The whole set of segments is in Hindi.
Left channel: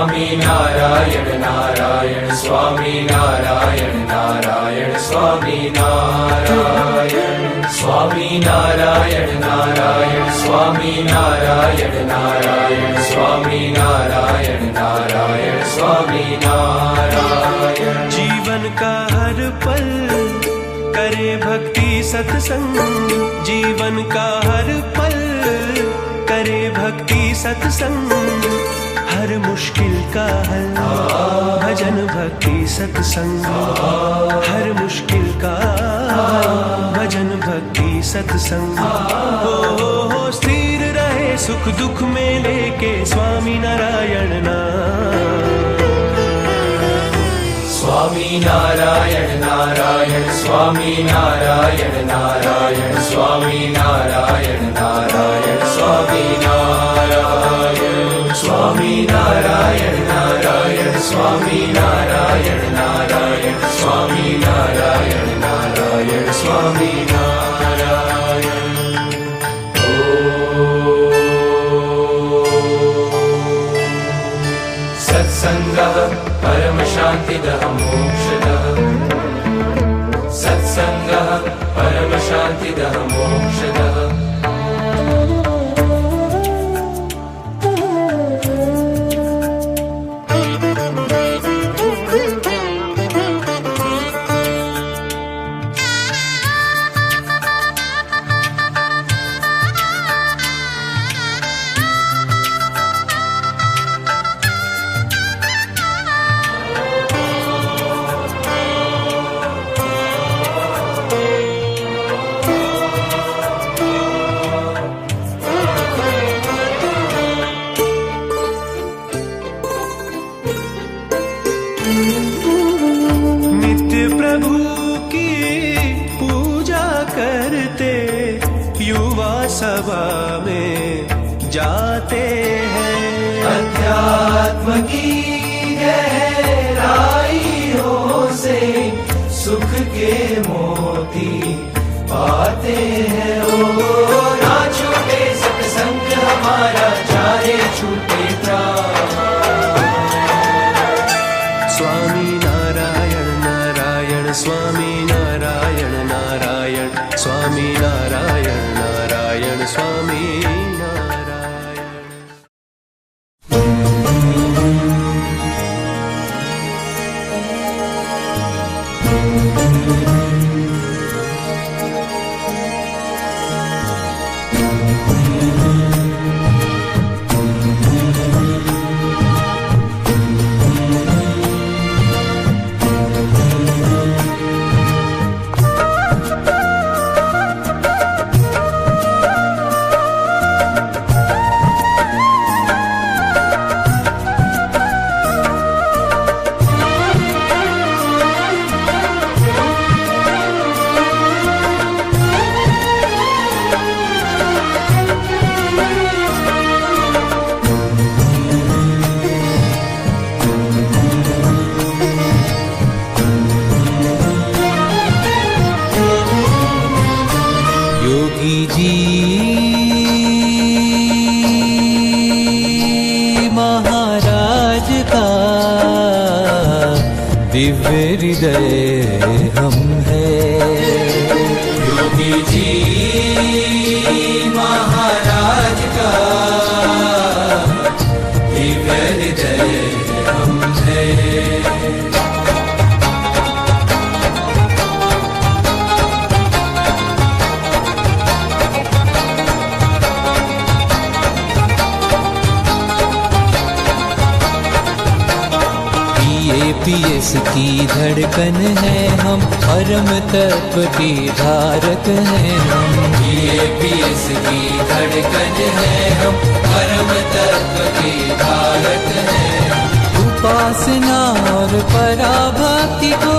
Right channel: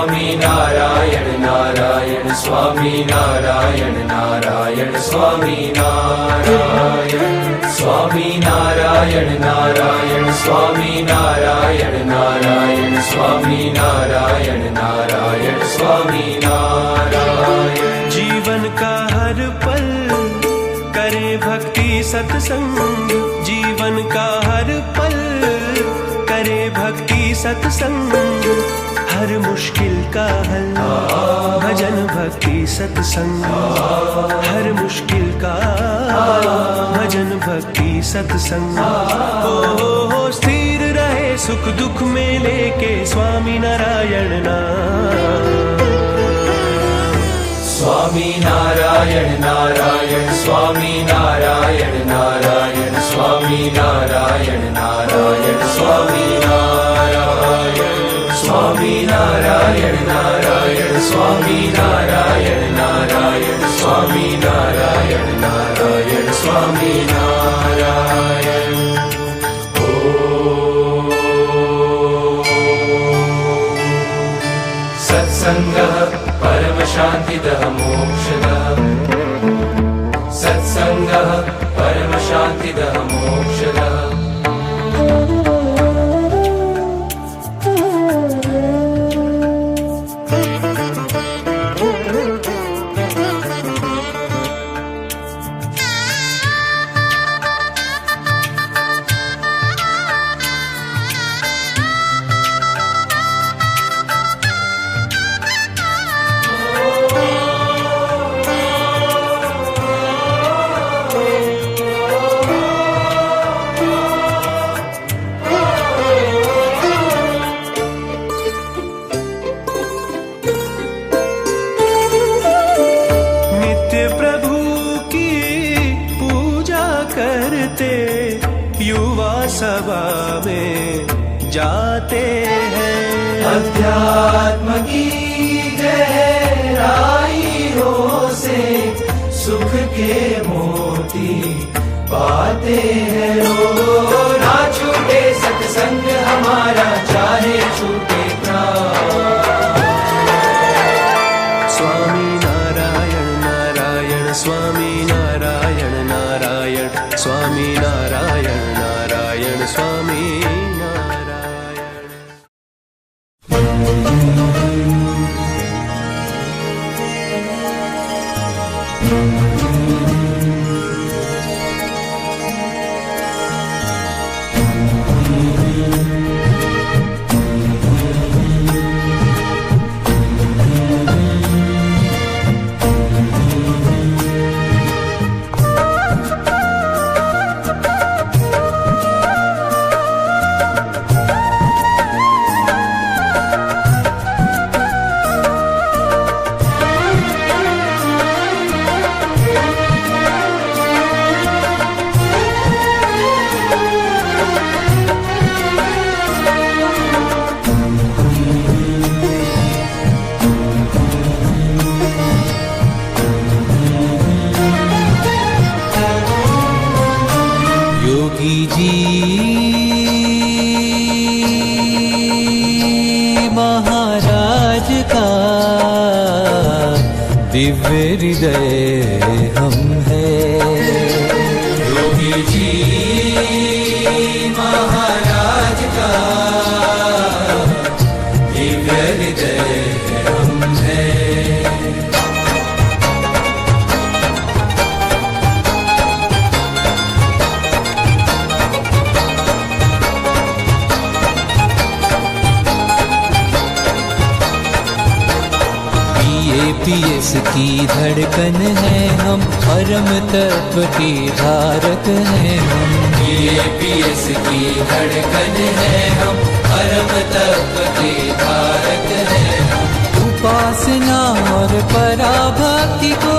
स्वामी नारायण नारायण स्वामी नारायण नारायण स्वामी नारायण स्वामी नारायण नारायण स्वामी नारायण नारायण स्वामी नारायण नारायण स्वामी नारायण। जीवन का हर पल करे भक्ति सत्संग, जीवन का हर पल करे भक्ति सत्संग, हर मुश्किल का हल भजन भक्ति सत्संग, हर मुश्किल का हल भजन भक्ति सत्संग। हो स्थिर रहे सुख दुख में लेके स्वामी नारायण नाम। स्वामी नारायण नारायण स्वामी नारायण नारायण स्वामी नारायण नारायण स्वामी नारायण स्वामी नारायण नारायण स्वामी नारायण नारायण स्वामी नारायण नारायण स्वामी नारायण। सत्संगः परम शान्तिदः मोक्षदः, सत्संगः परम शान्तिदः मोक्षदः। प्रभु की पूजा करते युवा सभा में जाते हैं, अध्यात्म की गहराइयों से सुख के मोती पाते हैं। ओ ना छूटे सत्संग हमारा चाहे छूटे प्राण। स्वामी नारायण नारायण स्वामी नारायण नारायण स्वामी नारायण नारायण स्वामी नारायण। योगी जी महाराज का दिव्य हृदय हम हैं। योगी जी महाराज का दिव्य हृदय हम हैं। पीएस की धड़कन है हम, परम तत्व की धारक हैं हम। पीएस की धड़कन है हम, परम तत्व की धारक हैं हम। उपासना और पराभक्ति को,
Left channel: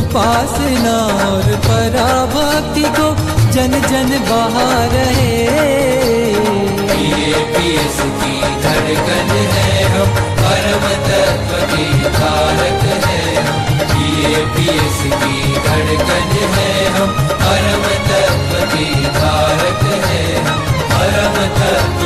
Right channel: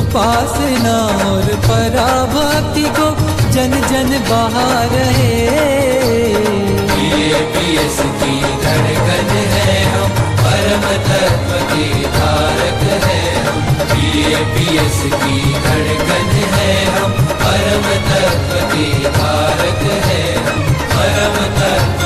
उपासना और पराभक्ति को जन जन बहा रहे। पीएस की धड़कन है हम, परम तत्व की धारक हैं हम। पीएस की धड़कन है हम, परम तत्व की धारक हैं हम। परम तत्व